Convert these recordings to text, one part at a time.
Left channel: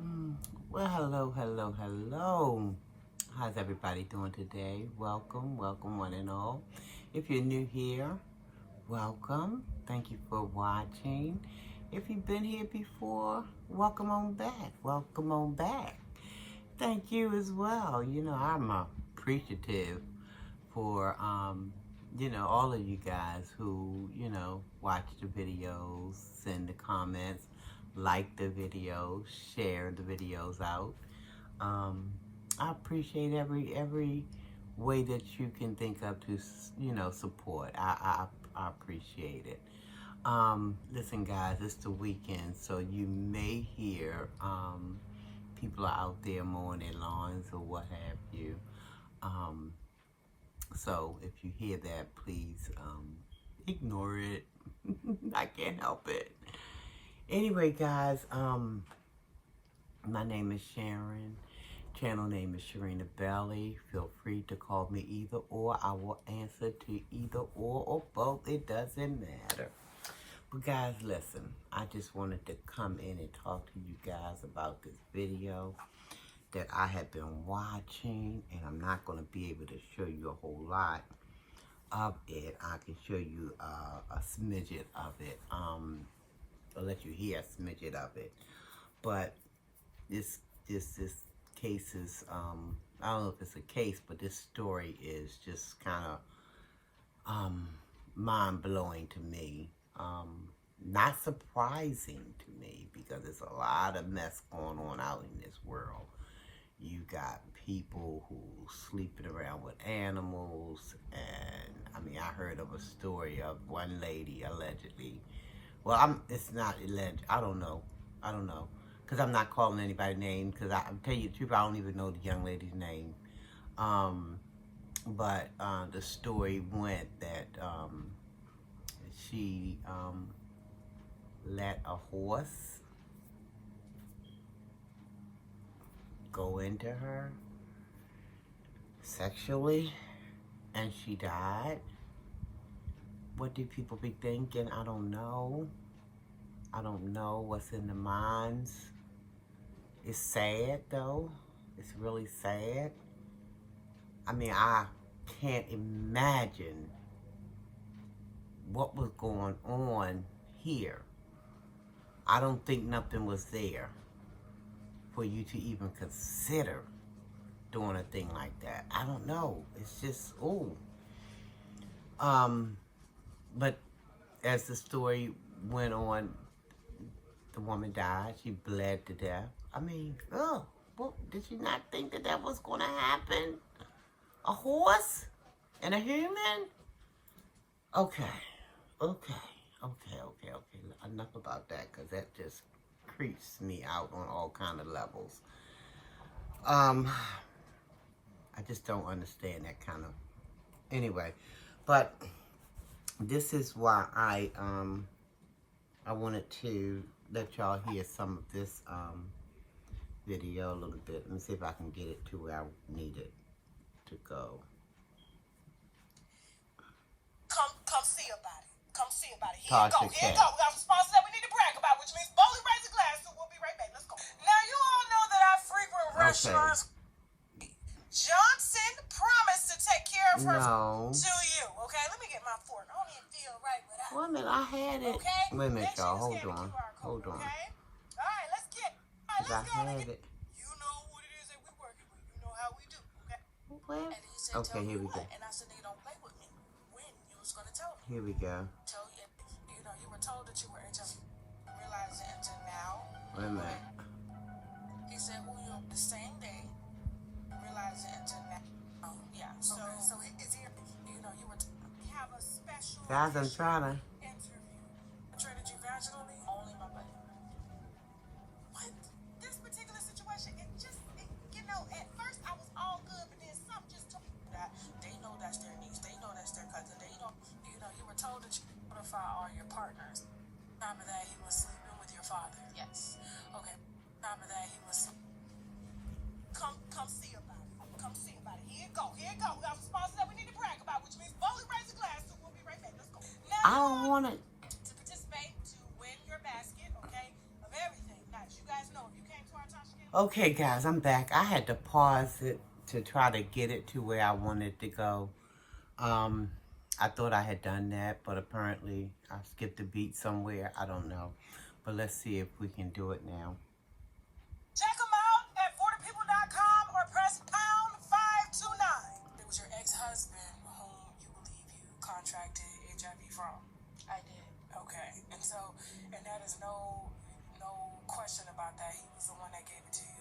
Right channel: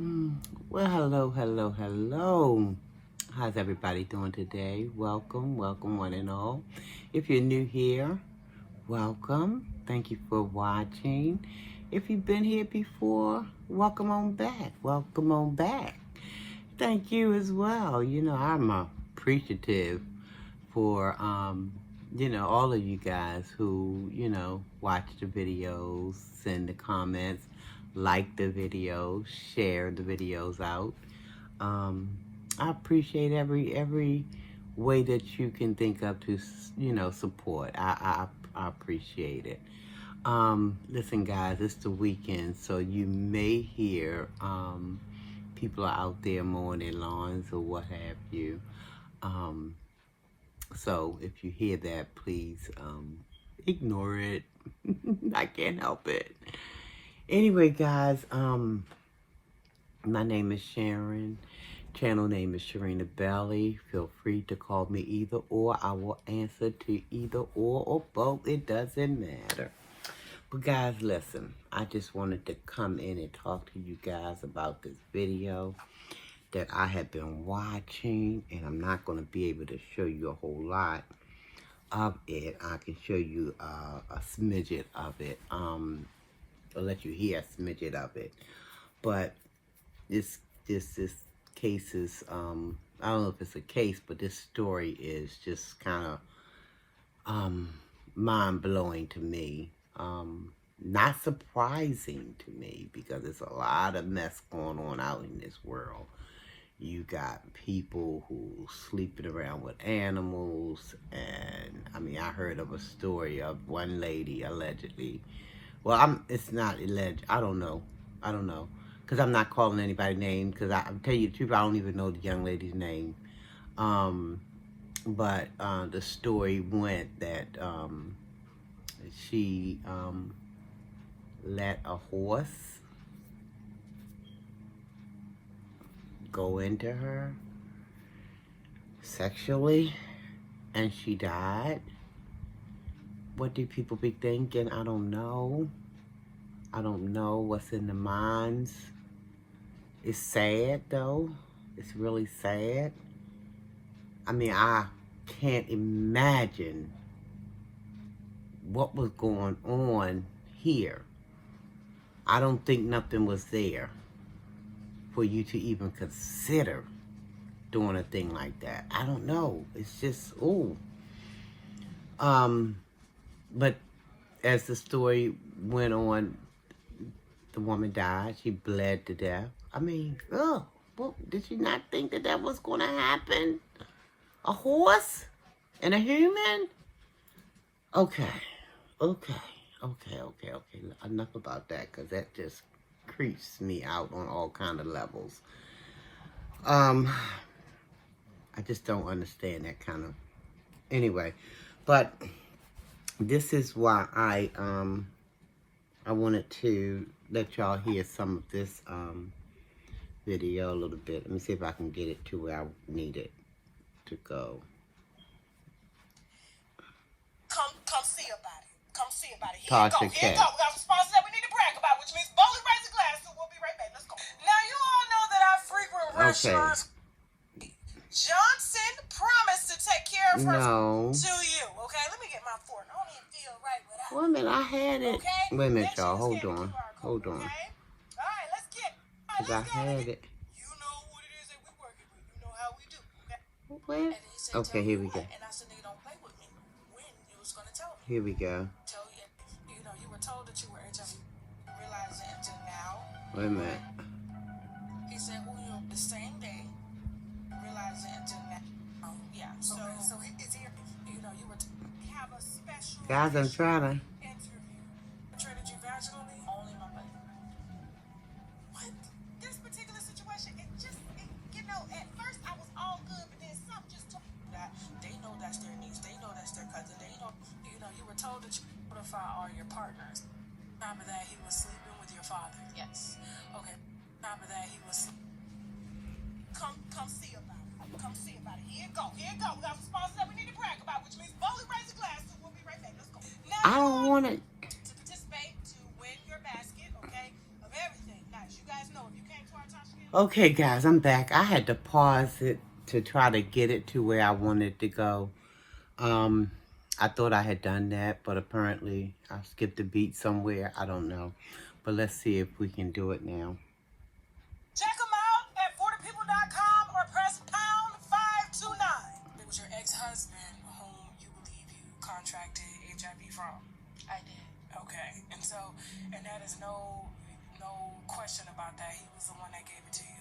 Mm, Well, hello. How's everybody doing today? Welcome, one and all. If you're new here, welcome. Thank you for watching. If you've been here before, welcome on back. Welcome on back. Thank you as well. I'm appreciative for, all of you guys who, watch the videos, send the comments, like the videos, share the videos out. Um, I appreciate every way that you can think of to support. I appreciate it. Listen, guys, it's the weekend, so you may hear people are out there mowing their lawns or what have you. Um, so if you hear that, please ignore it. I can't help it. Anyway, guys, my name is Sharon. Channel name is Sharina Belly. Feel free to call me either or. I will answer to either or both. It doesn't matter. But guys, listen. I just wanted to come in and talk to you guys about this video that I have been watching. And I'm not going to be able to show you a whole lot of it. I can show you a smidget of it. I'll let you hear a smidget of it. But this case is, I don't know if it's a case, but this story is just kind of mind-blowing to me. Not surprising to me because there's a lot of mess going on out in this world. You got people who sleeping around with animals, and I mean, I heard of a story of one lady allegedly. Well, it's not alleged. I don't know. Because I'm not calling anybody's name, because I'm tell you the truth, I don't even know the young lady's name. But the story went that she let a horse go into her sexually, and she died. What do people be thinking? I don't know. I don't know what's in the minds. It's sad, though. It's really sad. I mean, I can't imagine what was going on here. I don't think nothing was there for you to even consider doing a thing like that. I don't know. It's just, ooh. But as the story went on, the woman died. She bled to death. I mean, well, did she not think that was going to happen? A horse and a human? Okay. Enough about that, because that just creeps me out on all kind of levels. I just don't understand that kind of... Anyway, but this is why I wanted to let y'all hear some of this video a little bit. Let me see if I can get it to where I need it to go. Come see about it. Come see about it. Tasha Here you go. We got some sponsors that we need to brag about, which means boldly raise a glass, so we'll be right back. Let's go. Now, you all know that I frequent restaurants. Johnson promised to take care of her to you. Okay, let me get my fork. I don't even feel right without it. Wait a minute, I had it. Okay? Wait a minute, y'all. Hold on. Okay? All right, let's get it. All right, I had it. You know what it is that we're working with. You know how we do. Okay? Where? Okay, here we go. And I said, nigga, don't play with me. When you was going to tell me. Here we go. You were told that you were HIV. You realize it until now. Wait a minute. He said, the same day. You realize it until now. Oh, yeah. So it's here. You have a special. Guys, I'm trying to. Interview. Treated you vaginally. Only my buddy. What? This particular situation, at first I was all good, but then something just took that. They know that's their niece. They know that's their cousin. They know, you were told that you notify all your partners. Remember that he was sleeping with your father? Yes. Okay. Remember that he was... Come see about it. Come see about it. Here you go. We got some sponsors that we need to brag about, which means boldly raise a glass, so we'll be right back. Let's go. Now, I don't want to... To participate, to win your basket, okay, of everything. Now, as you guys know, if you came to our Tasha Okay, guys, I'm back. I had to pause it to try to get it to where I wanted to go. I thought I had done that, but apparently I skipped a beat somewhere. I don't know. But let's see if we can do it now. Check them out at 40people.com or press pound 529. It was your ex-husband whom you believe you contracted HIV from. I did. Okay. And that is no question about that. He was the one that gave it to you.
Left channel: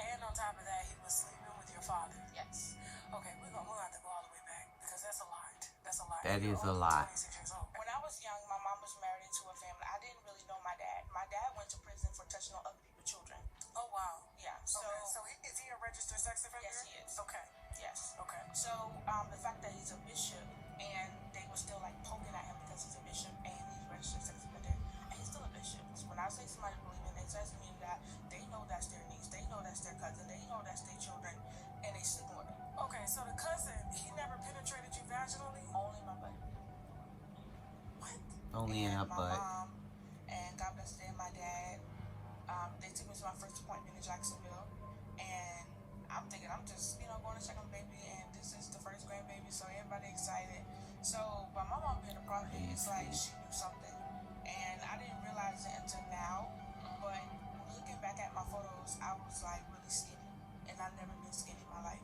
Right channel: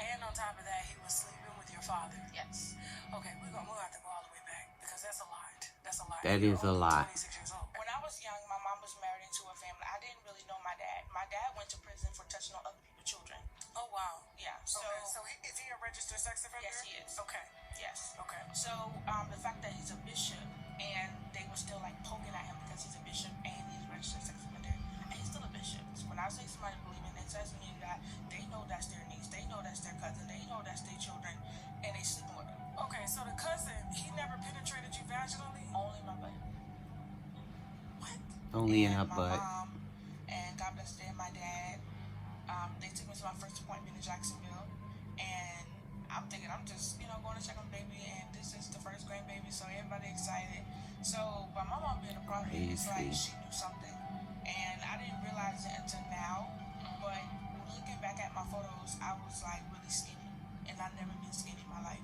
And on top of that, he was sleeping with your father. Yes. Okay, we'll have to go all the way back because that's a lot. That's a lot. That You're is a only lot. 26 years old. When I was young, my mom was married into a family. I didn't really know my dad. My dad went to prison for touching on other people's children. Oh, wow. Yeah. So is he a registered sex offender? Yes, he is. Okay. Yes. Okay. So the fact that he's a bishop and they were still like poking at him because he's a bishop and he's a registered sex offender and he's still a bishop. So when I say somebody believing it does mean that they know that's their niece, they know that's their cousin, they know that's their children, and they sleep with them. Okay, so the cousin, he never penetrated you vaginally? Only my butt. What? Only in her butt. My mom and God bless them, my dad, they took me to my first appointment in Jacksonville, and I'm thinking I'm just, going to check on the baby, and this is the first grandbaby, so everybody excited. So, by my mom being a prophet, it's like she knew something, and I didn't realize it until now, but looking back at my photos, I was like really skinny, and I've never been skinny in my life.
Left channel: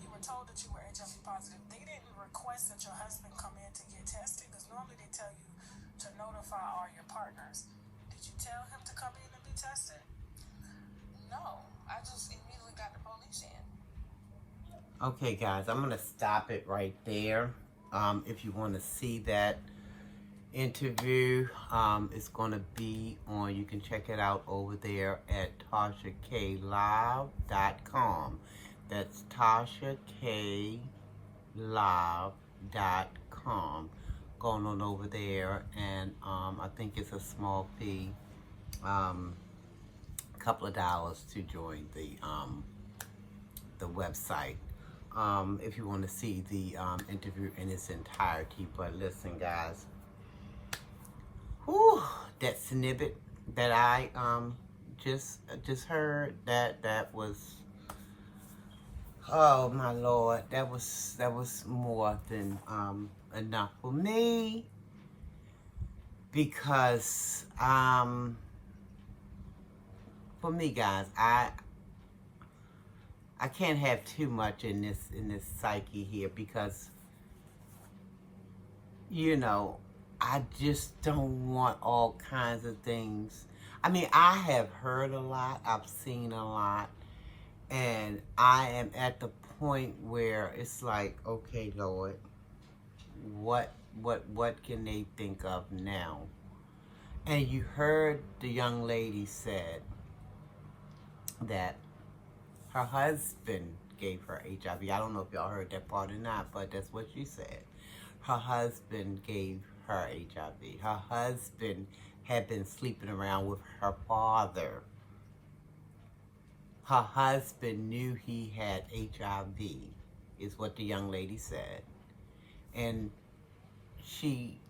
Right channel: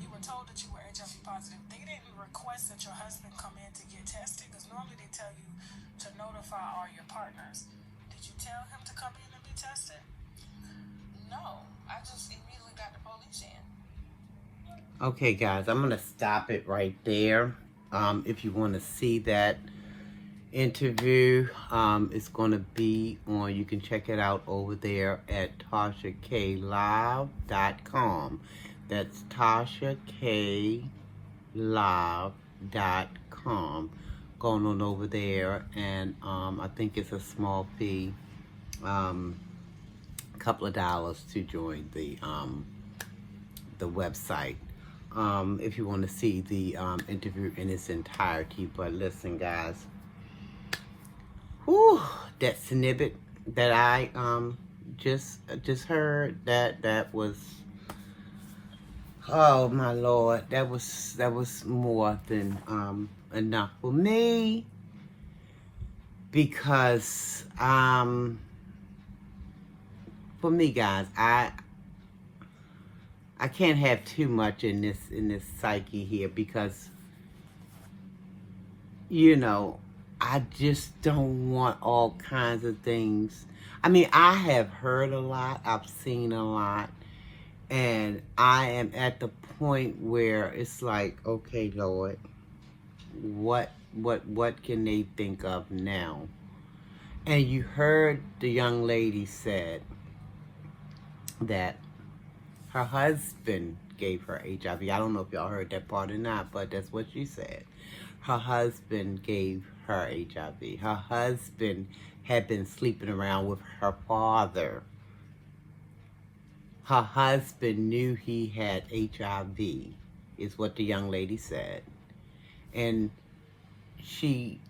You were told that you were HIV positive. They didn't request that your husband come in to get tested, because normally they tell you to notify all your partners. Did you tell him to come in and be tested? No, I just immediately got the police in. Okay, guys, I'm going to stop it right there. If you want to see that interview, it's going to be on, you can check it out over there at TashaKLive.com. That's TashaKLive.com. Going on over there, and I think it's a small fee, a couple of dollars to join the website. If you want to see the interview in its entirety. But listen, guys, whew, that snippet that I just heard, that was, oh my Lord, that was more than enough for me, because for me, guys, I can't have too much in this psyche here, because I just don't want all kinds of things. I mean, I have heard a lot, I've seen a lot, and I am at the point where it's like, okay, Lord, what can they think of now? And you heard the young lady said that her husband gave her HIV. I don't know if y'all heard that part or not, but that's what she said. Her husband gave her HIV. Her husband had been sleeping around with her father. Her husband knew he had HIV, is what the young lady said. And she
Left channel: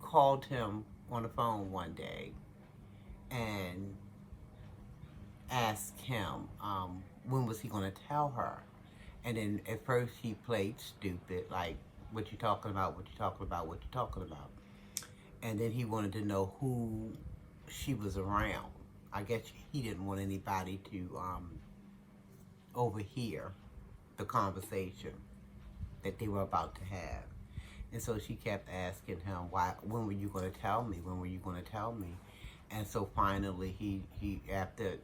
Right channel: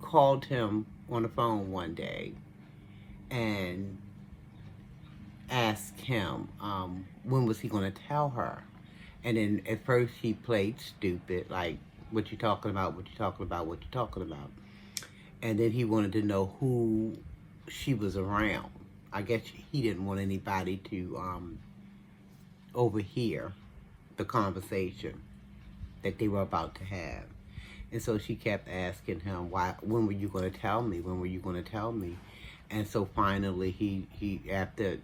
called him on the phone one day and asked him when was he going to tell her. And then at first he played stupid, like, what you talking about, what you talking about, what you talking about. And then he wanted to know who she was around. I guess he didn't want anybody to overhear the conversation that they were about to have. And so she kept asking him, when were you going to tell me? When were you going to tell me? And so finally he after,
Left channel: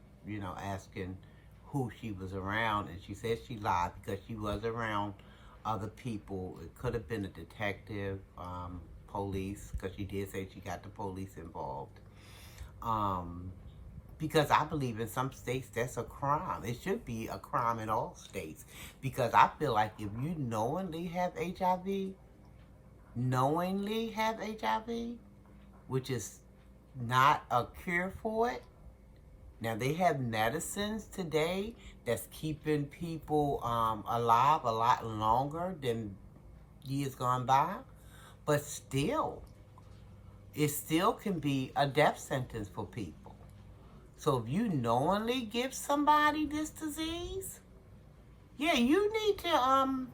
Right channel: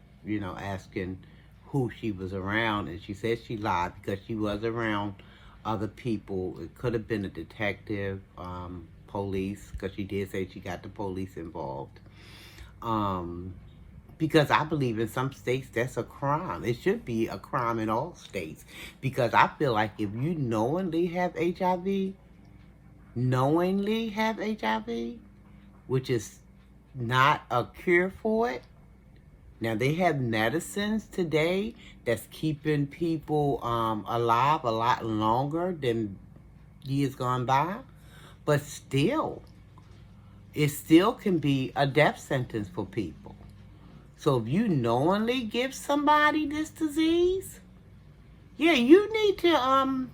asking who she was around, and she said she lied because she was around other people. It could have been a detective, police, because she did say she got the police involved. Because I believe in some states that's a crime. It should be a crime in all states. Because I feel like if you knowingly have HIV, which is not a cure for it. Now, they have medicines today that's keeping people alive a lot longer than years gone by. But still, it still can be a death sentence for people. So if you knowingly give somebody this disease, yeah, you need to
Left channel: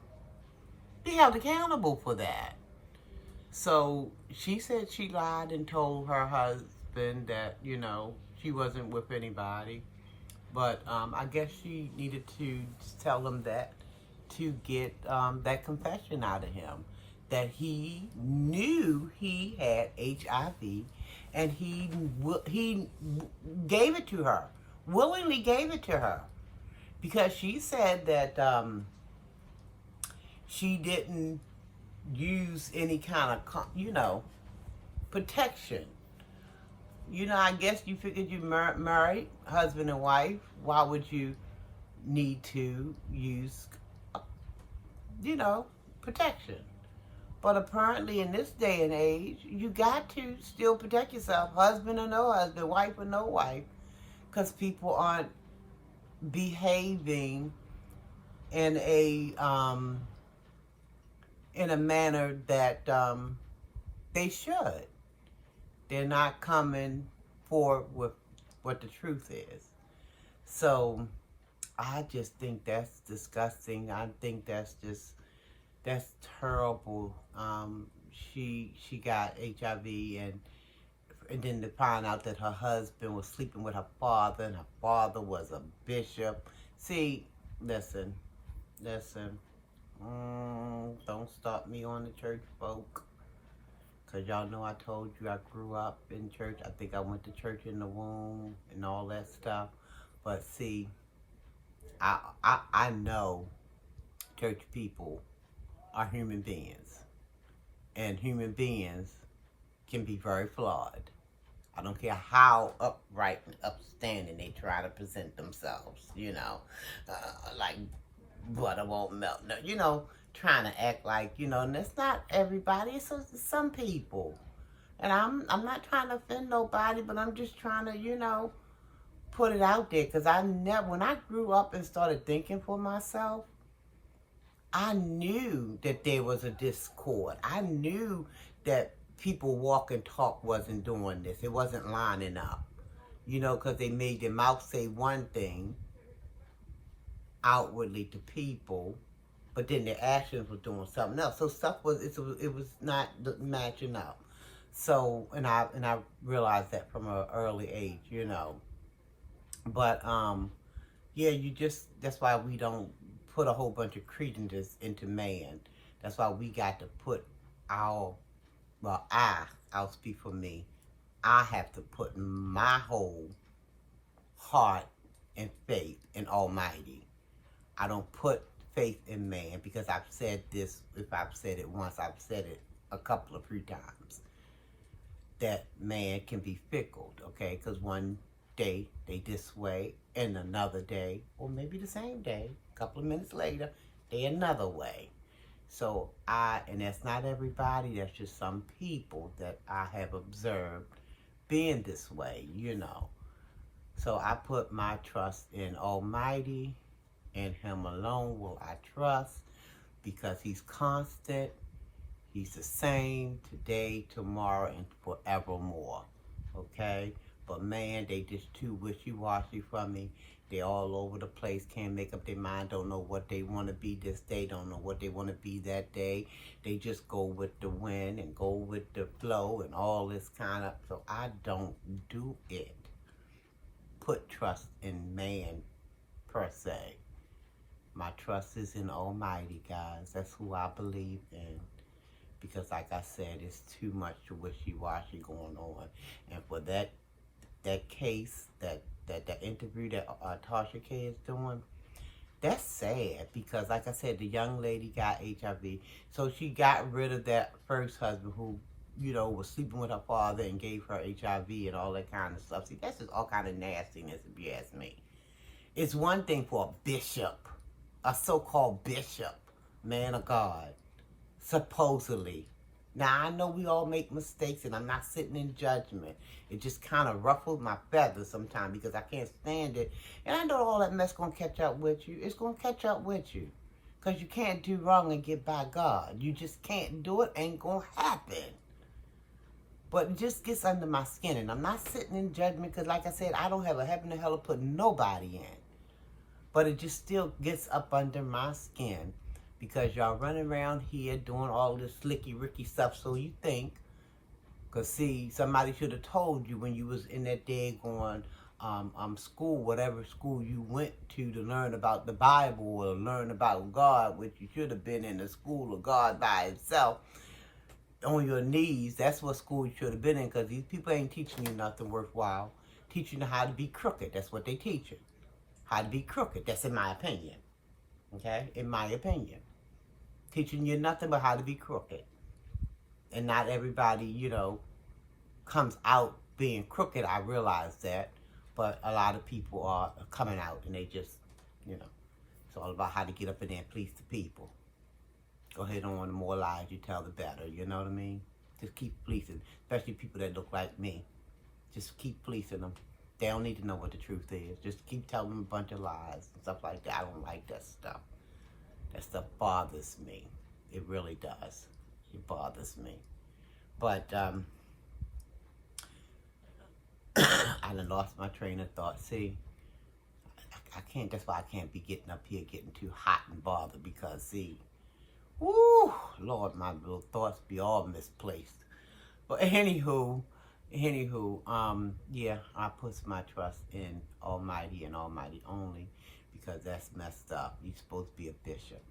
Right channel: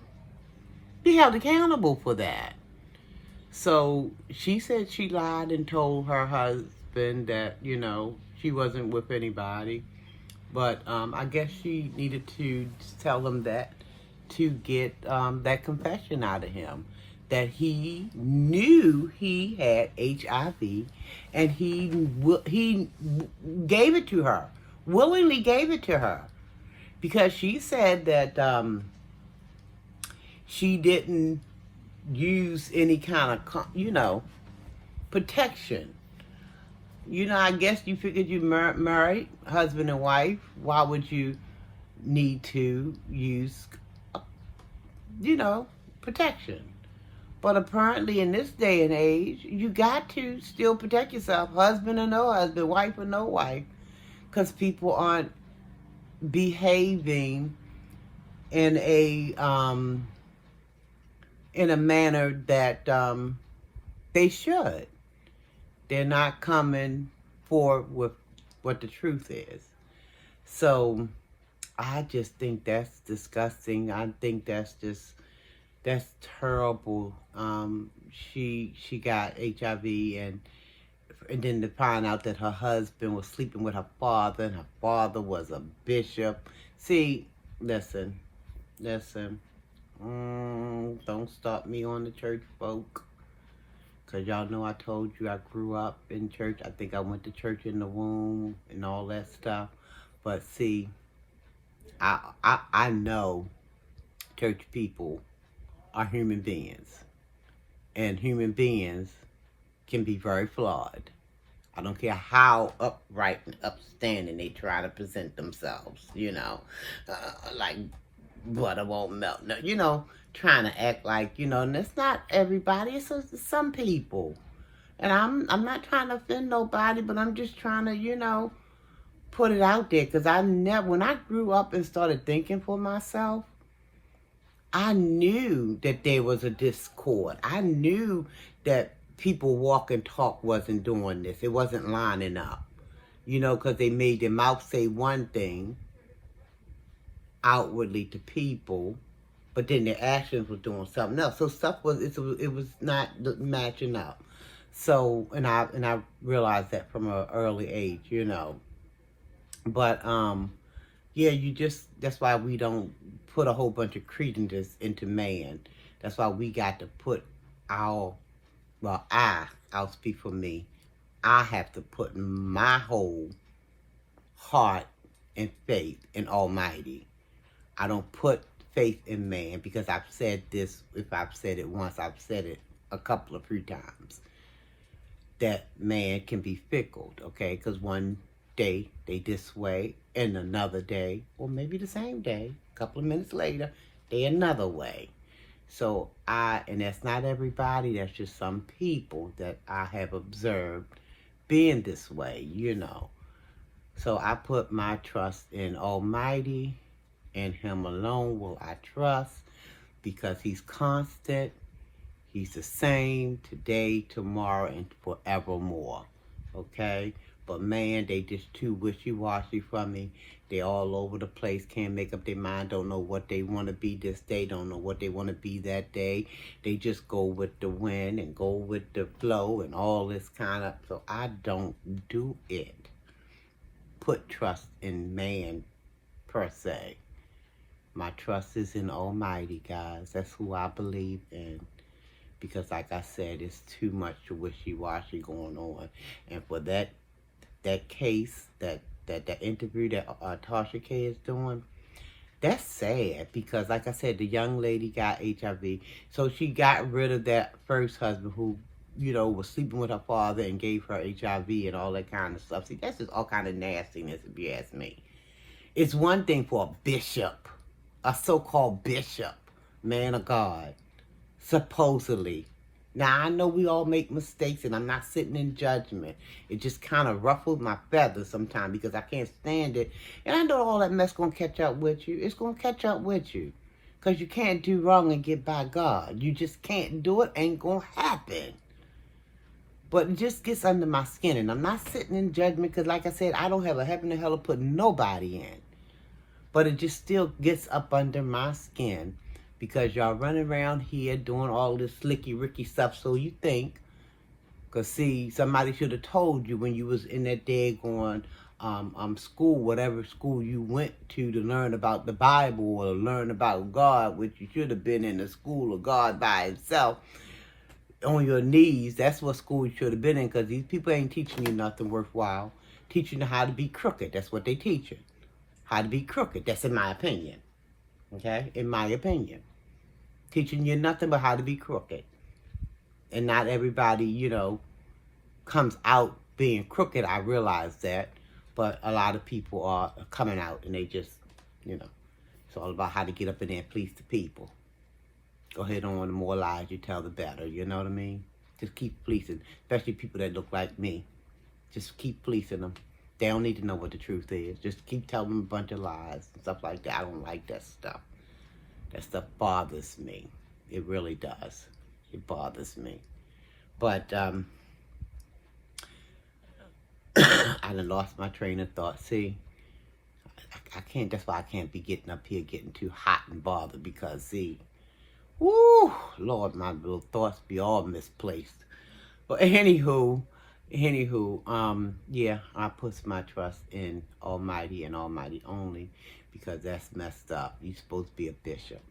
be held accountable for that. So she said she lied and told her husband that, she wasn't with anybody. But I guess she needed to tell him that to get that confession out of him. That he knew he had HIV and he gave it to her, willingly gave it to her. Because she said that she didn't use any kind of, protection. I guess you figured you married, husband and wife. Why would you need to use, protection? But apparently in this day and age, you got to still protect yourself, husband or no husband, wife or no wife, because people aren't behaving in a manner that they should. They're not coming forward with what the truth is. So I just think that's disgusting. I think that's terrible. She got HIV and then to find out that her husband was sleeping with her father and her father was a bishop. See, listen. Don't stop me on the church folk. Because y'all know I told you I grew up in church. I think I went to church in the womb and all that stuff. But see, I know church people are human beings. And human beings can be very flawed. I don't care how upright and upstanding they try to present themselves, like butter won't melt. No, trying to act like, and it's not everybody, it's some people. And I'm not trying to offend nobody, but I'm just trying to, put it out there. Because when I grew up and started thinking for myself, I knew that there was a discord. I knew that people walk and talk wasn't doing this. It wasn't lining up. Because they made their mouth say one thing outwardly to people, but then their actions were doing something else. So stuff it was not matching up. So and I realized that from an early age, But yeah, that's why we don't put a whole bunch of credence into man. That's why we got to put I'll speak for me. I have to put my whole heart and faith in Almighty. I don't put faith in man because I've said this. If I've said it once, I've said it a couple of few times. That man can be fickle, okay? Because one day they this way, and another day, or maybe the same day, a couple of minutes later, they another way. So and that's not everybody, that's just some people that I have observed being this way, So I put my trust in Almighty, and Him alone will I trust, because He's constant, He's the same today, tomorrow, and forevermore, okay? But man, they just too wishy-washy from me. They all over the place, can't make up their mind, don't know what they want to be this day, don't know what they want to be that day. They just go with the wind and go with the flow and all this kind of, so I don't do it. Put trust in man, per se. My trust is in Almighty, guys. That's who I believe in. Because like I said, it's too much wishy-washy going on. And for that case, that interview that Tasha K is doing, that's sad. Because like I said, the young lady got HIV. So she got rid of that first husband who, was sleeping with her father and gave her HIV and all that kind of stuff. See, that's just all kind of nastiness, if you ask me. It's one thing for a bishop, a so-called bishop, man of God, supposedly. Now, I know we all make mistakes, and I'm not sitting in judgment. It just kind of ruffles my feathers sometimes because I can't stand it. And I know all that mess going to catch up with you. It's going to catch up with you because you can't do wrong and get by God. You just can't do it. Ain't going to happen. But it just gets under my skin. And I'm not sitting in judgment because, like I said, I don't have a heaven or hell to put nobody in. But it just still gets up under my skin because y'all running around here doing all this slicky ricky stuff. So you think, because see, somebody should have told you when you was in that daggone school, whatever school you went to learn about the Bible or learn about God, which you should have been in the school of God by itself on your knees. That's what school you should have been in, because these people ain't teaching you nothing worthwhile. Teaching you how to be crooked. That's what they teach you. How to be crooked. That's in my opinion. Okay? In my opinion. Teaching you nothing but how to be crooked. And not everybody, you know, comes out being crooked. I realize that. But a lot of people are coming out and they just, you know, it's all about how to get up in there and please the people. Go ahead on, the more lies you tell, the better. You know what I mean? Just keep fleecing. Especially people that look like me. Just keep fleecing them. They don't need to know what the truth is. Just keep telling them a bunch of lies and stuff like that. I don't like that stuff. That stuff bothers me. It really does. It bothers me. But, I done lost my train of thought. See, I can't, that's why I can't be getting up here getting too hot and bothered because, see, woo, Lord, my little thoughts be all misplaced. But anywho, yeah, I put my trust in Almighty and Almighty only because that's messed up. You're supposed to be a bishop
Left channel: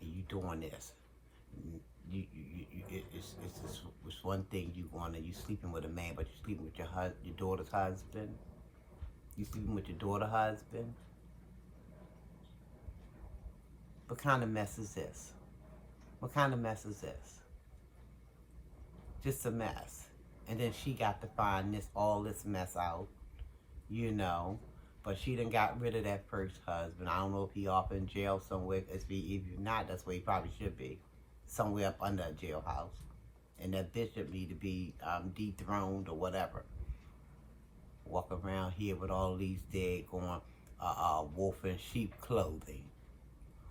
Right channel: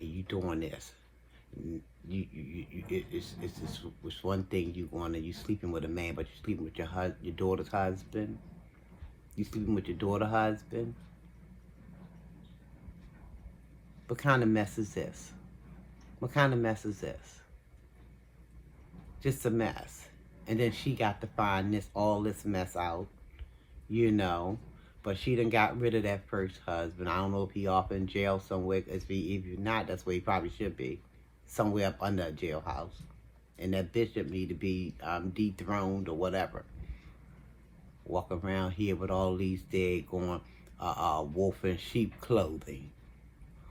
and you doing this. It's one thing you sleeping with a man, but you sleeping with your daughter's husband. You sleeping with your daughter's husband. What kind of mess is this? What kind of mess is this? Just a mess. And then she got to find all this mess out, you know. But she done got rid of that first husband. I don't know if he off in jail somewhere. If you're not, that's where he probably should be. Somewhere up under a jailhouse. And that bishop need to be dethroned or whatever. Walk around here with all these daggone wolf in sheep clothing.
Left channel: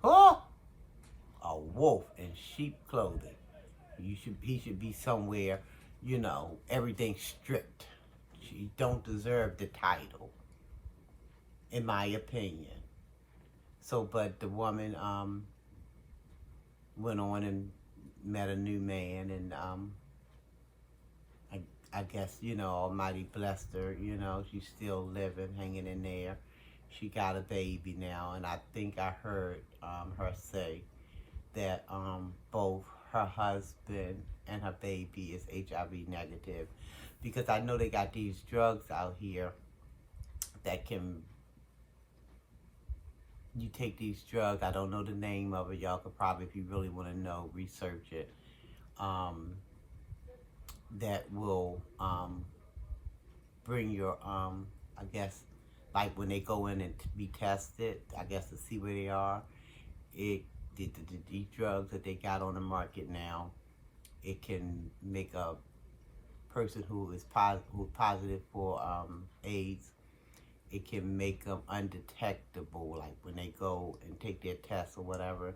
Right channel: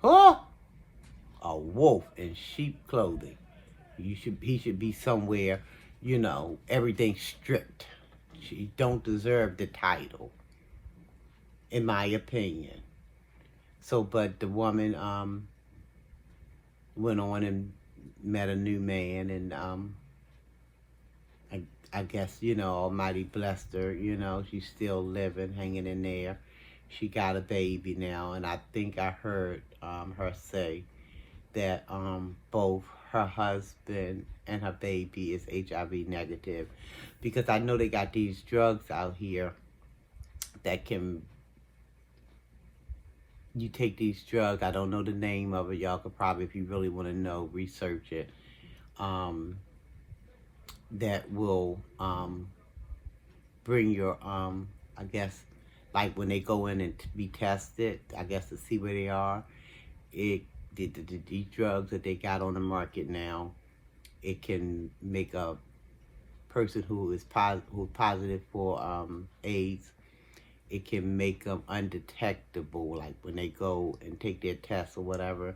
Huh? A wolf in sheep clothing. He should be somewhere, you know, everything stripped. She don't deserve the title, in my opinion. So, but the woman went on and met a new man, and I guess, you know, Almighty blessed her. You know, she's still living, hanging in there. She got a baby now, and I think I heard her say that both her husband and her baby is HIV negative, because I know they got these drugs out here that can, you take these drugs, I don't know the name of it, y'all could probably, if you really want to know, research it, that will bring your, I guess, like when they go in and be tested, I guess to see where they are, these drugs that they got on the market now, it can make a person who is positive for AIDS, it can make them undetectable, like when they go and take their tests or whatever.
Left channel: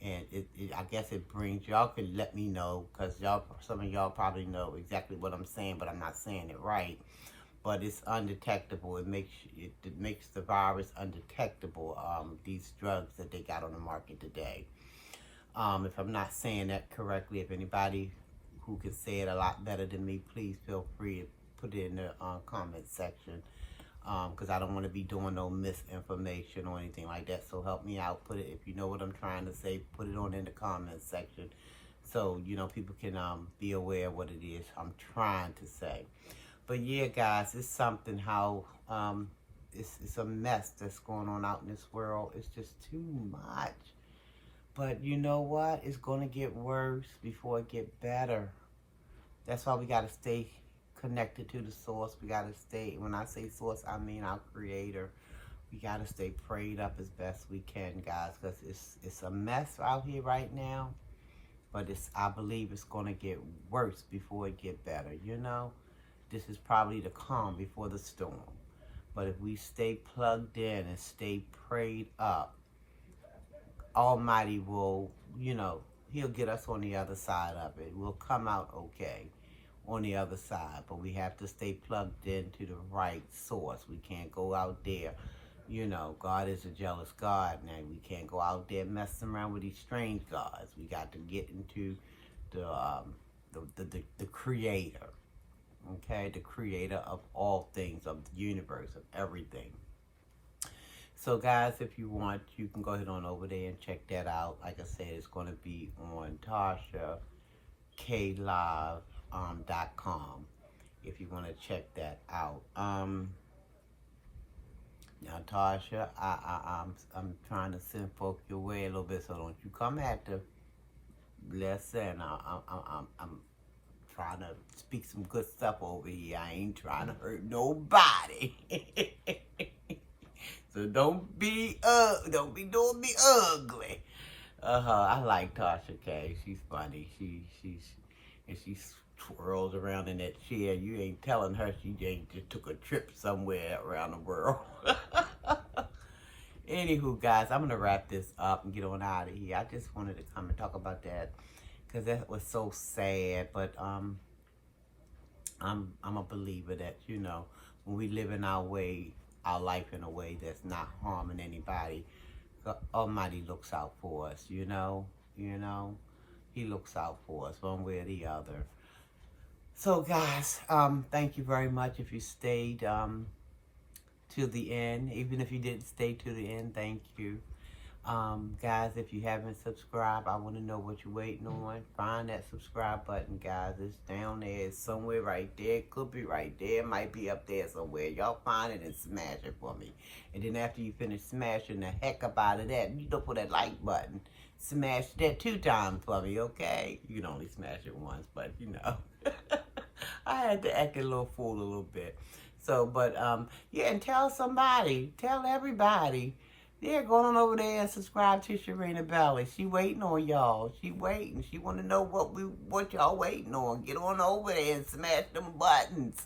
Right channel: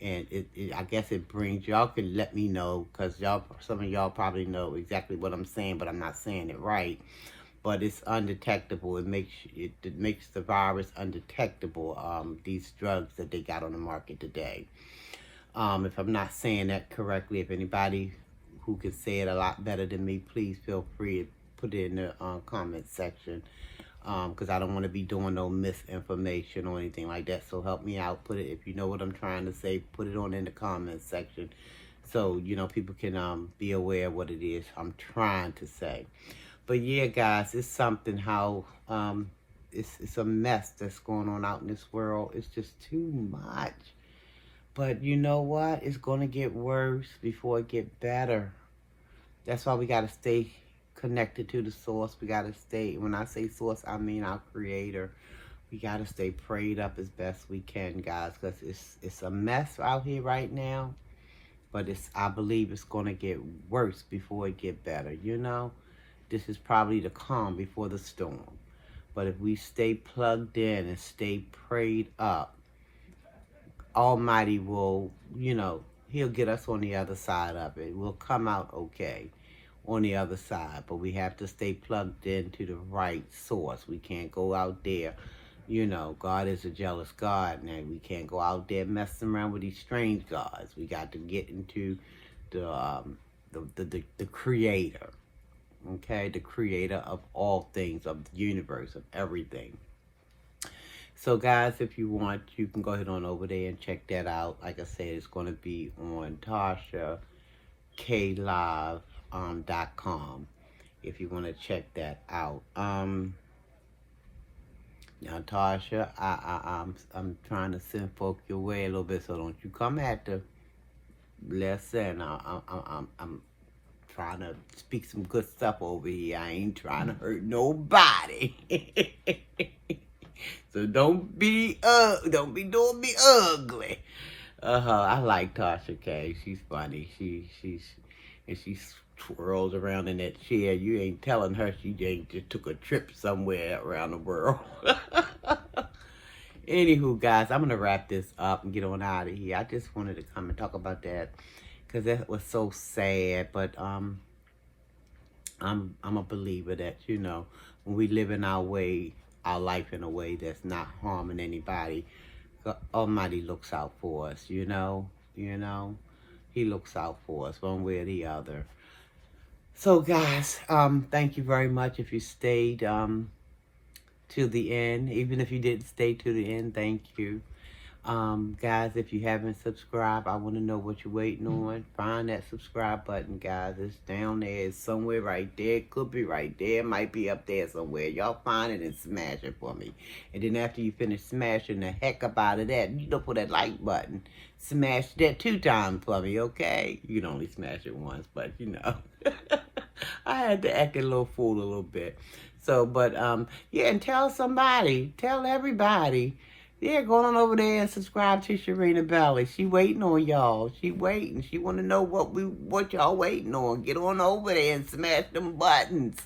And I guess it brings, y'all can let me know, because some of y'all probably know exactly what I'm saying, but I'm not saying it right. But it's undetectable. It makes the virus undetectable, these drugs that they got on the market today. If I'm not saying that correctly, if anybody who can say it a lot better than me, please feel free to put it in the comment section. Because I don't want to be doing no misinformation or anything like that. So help me out. Put it, if you know what I'm trying to say, put it on in the comment section. So, you know, people can be aware of what it is I'm trying to say. But yeah, guys, it's something how it's a mess that's going on out in this world. It's just too much. But you know what? It's going to get worse before it get better. That's why we got to stay connected to the source. We got to stay, when I say source, I mean our creator. We got to stay prayed up as best we can, guys, because it's a mess out here right now. But I believe it's going to get worse before it get better, you know? This is probably the calm before the storm. But if we stay plugged in and stay prayed up, Almighty will, you know, he'll get us on the other side of it. We'll come out okay. on the other side. But we have to stay plugged into the right source. We can't go out there. You know, God is a jealous God. Now, we can't go out there messing around with these strange gods. We got to get into the creator. Okay, the creator of all things, of the universe, of everything. So, guys, if you want, you can go ahead on over there and check that out. Like I said, it's going to be on TashaKLive.com if you want to check that out. Now, Tasha, I'm trying to send folk your way a little bit, so don't you come at the lesson. I'm trying to speak some good stuff over here. I ain't trying to hurt nobody. So don't be doing me ugly. I like Tasha K. She's funny. She twirls around in that chair. You ain't telling her she ain't just took a trip somewhere around the world. Anywho, guys, I'm gonna wrap this up and get on out of here. I just wanted to come and talk about that because that was so sad. But I'm a believer that, you know, when we live in our life in a way that's not harming anybody, the Almighty looks out for us. You know, He looks out for us one way or the other. So, guys, thank you very much if you stayed till the end. Even if you didn't stay till the end, thank you. Guys, if you haven't subscribed, I want to know what you're waiting on. Find that subscribe button, guys. It's down there. It's somewhere right there. It could be right there. It might be up there somewhere. Y'all find it and smash it for me. And then after you finish smashing the heck up out of that, you don't put that like button. Smash that 2 times for me, okay? You can only smash it once, but you know. I had to act a little fool a little bit. So, but, yeah, and tell somebody. Tell everybody. Yeah, go on over there and subscribe to Sharina Belly. She waiting on y'all. She waiting. She want to know what y'all waiting on. Get on over there and smash them buttons.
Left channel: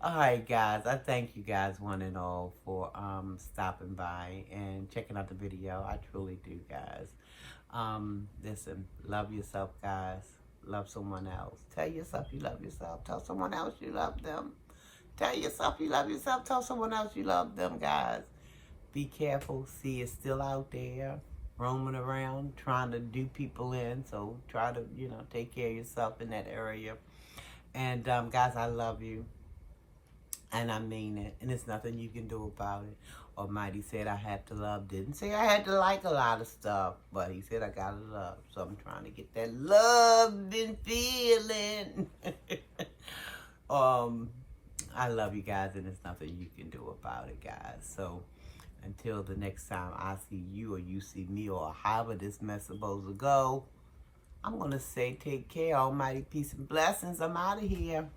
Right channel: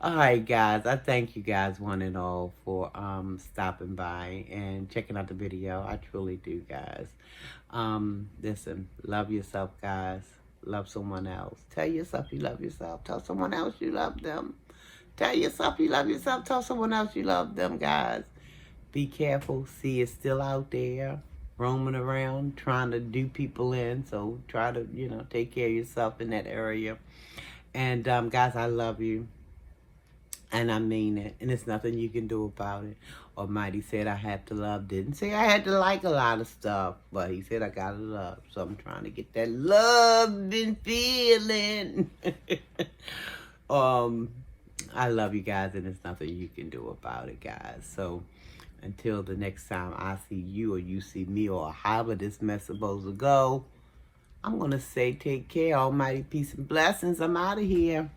All right, guys. I thank you guys one and all for stopping by and checking out the video. I truly do, guys. Listen, love yourself, guys. Love someone else. Tell yourself you love yourself. Tell someone else you love them. Tell yourself you love yourself. Tell someone else you love them, guys. Be careful. See, it's still out there, roaming around, trying to do people in. So try to, you know, take care of yourself in that area. And, guys, I love you. And I mean it. And there's nothing you can do about it. Almighty said I had to love. Didn't say I had to like a lot of stuff. But he said I got to love. So I'm trying to get that loving feeling. I love you guys. And there's nothing you can do about it, guys. So until the next time I see you or you see me or however this mess supposed to go, I'm going to say take care. Almighty peace and blessings. I'm out of here.